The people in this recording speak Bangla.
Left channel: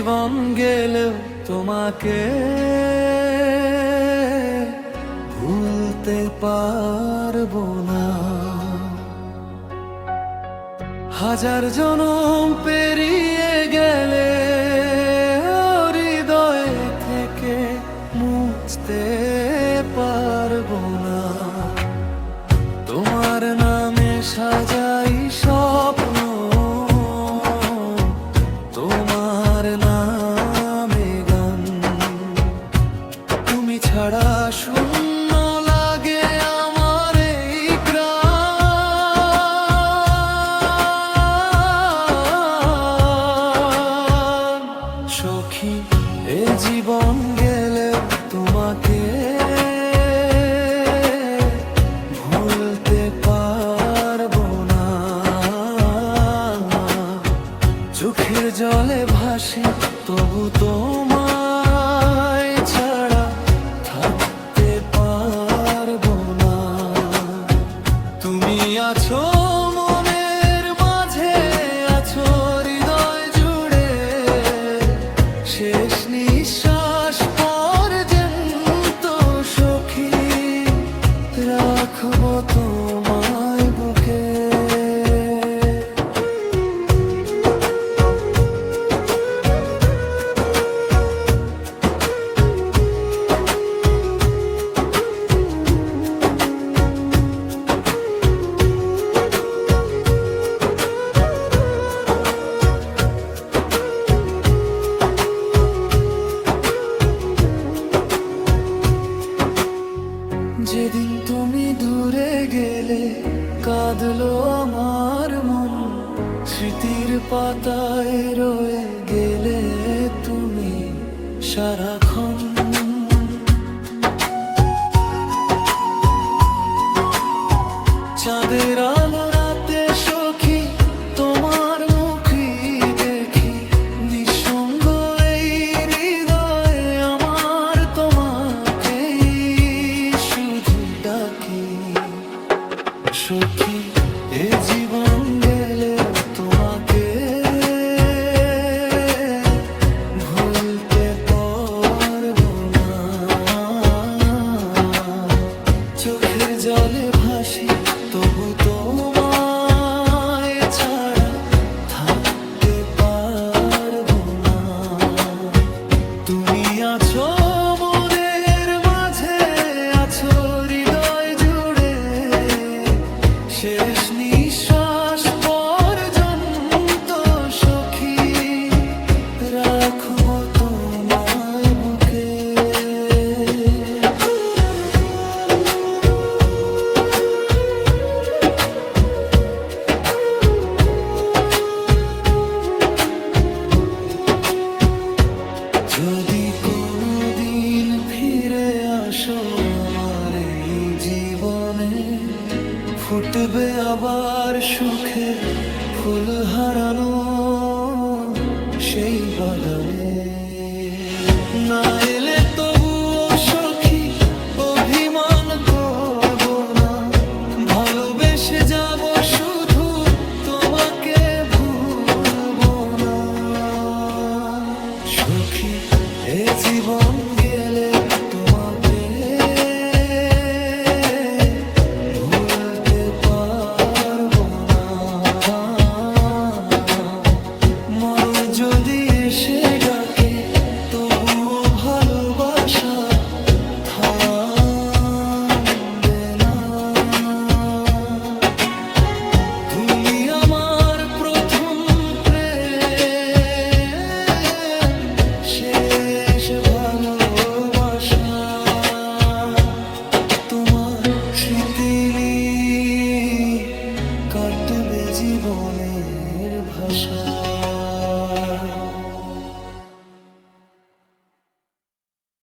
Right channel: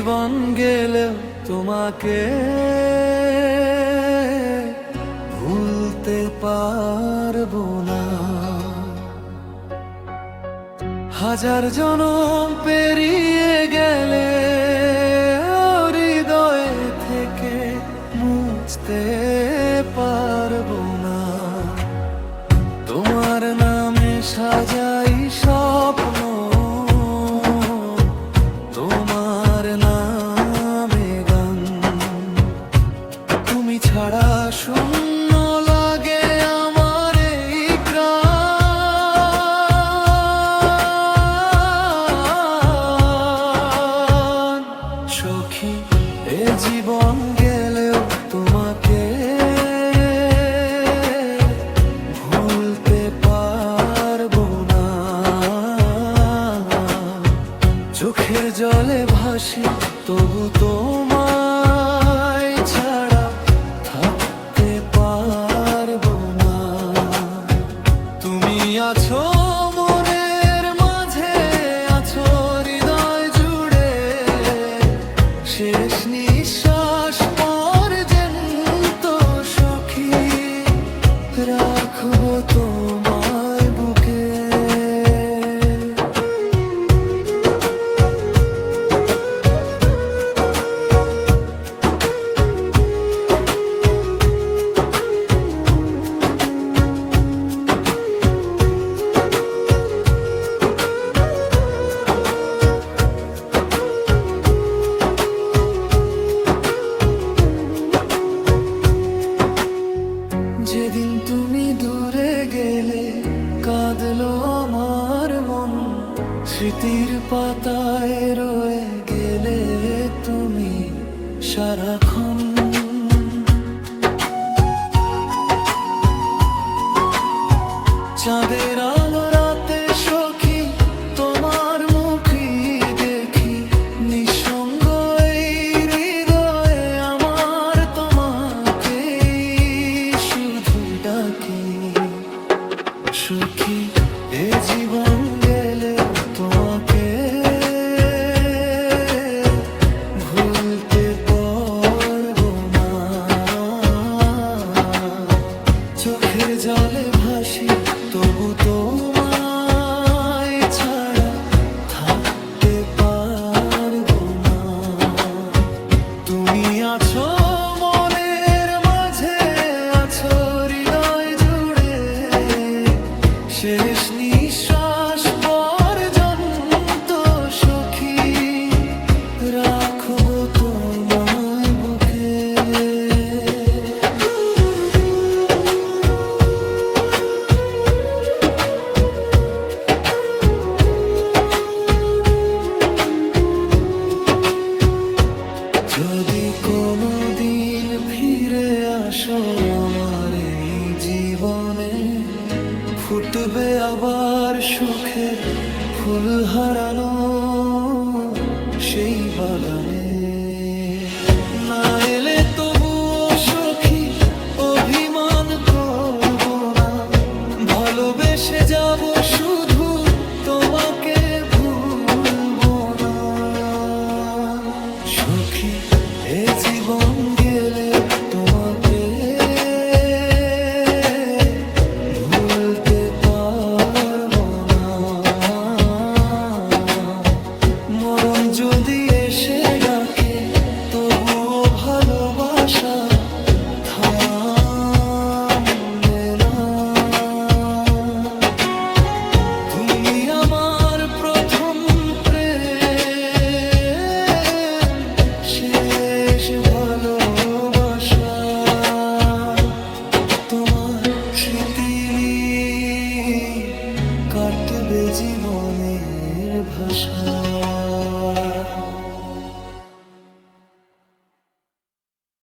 জীবন গেলেও তোমাকে ভুলতে পারবো না। হাজার জনম পেরিয়ে গেলে হৃদয় থেকে মুছতে পারবো না। তোমার নামে সাজাই স্বপ্ন, তোমার নামে গান। তুমি ছাড়া শূন্য লাগে আমার এই প্রাণ। সখী এ জীবন গেলেও তোমাকে ভুলতে পারবো না। চোখের জলে ভাসি তবু তোমায় ছাড়া থাকতে পারবো না। তুমি আছো মনের মাঝে, আছো হৃদয় জুড়ে, শেষ নিঃশ্বাস পর্যন্ত সখী রাখবো তোমায় বুকে। যেদিন তুমি দূরে গেলে কাঁদলো আমার মন, স্মৃতির পাতায় রয়ে গেলে তুমি সারাক্ষণ। চাঁদের আলো রাতে সখী তোমার মুখই দেখি, নিঃসঙ্গ এই হৃদয়ে আমার তোমাকেই শুধু ডাকি। সখী এ জীবন গেলে তোমাকে ভুলতে পারবো না। চোখের জলে ভাসি তবু তোমায় ছাড়া থাকতে পারবো না। তুমি আছো মনের মাঝে, আছো হৃদয় জুড়ে, শেষ নিঃশ্বাস পর্যন্ত সখী রাখবো তোমায় বুকে। যদি কোনো দিন ফিরে আসো আমার এই জীবনে, ফুটবে আবার সুখের ফুল হারানো সেই বাগানে। না এলে তবুও সখী অভিমান করব না, ভালোবেসে যাব শুধু তোমাকে ভুলবো না। সখী এ জীবন গেলে তোমাকে ভুলতে পারবো না। মরণ যদি এসে ডাকে তবুও ভালোবাসা থামবে না। তুমি আমার প্রথম প্রেম, শেষ ভালোবাসা, তোমার স্মৃতি নিয়ে কাটবে জীবনের ভাষা।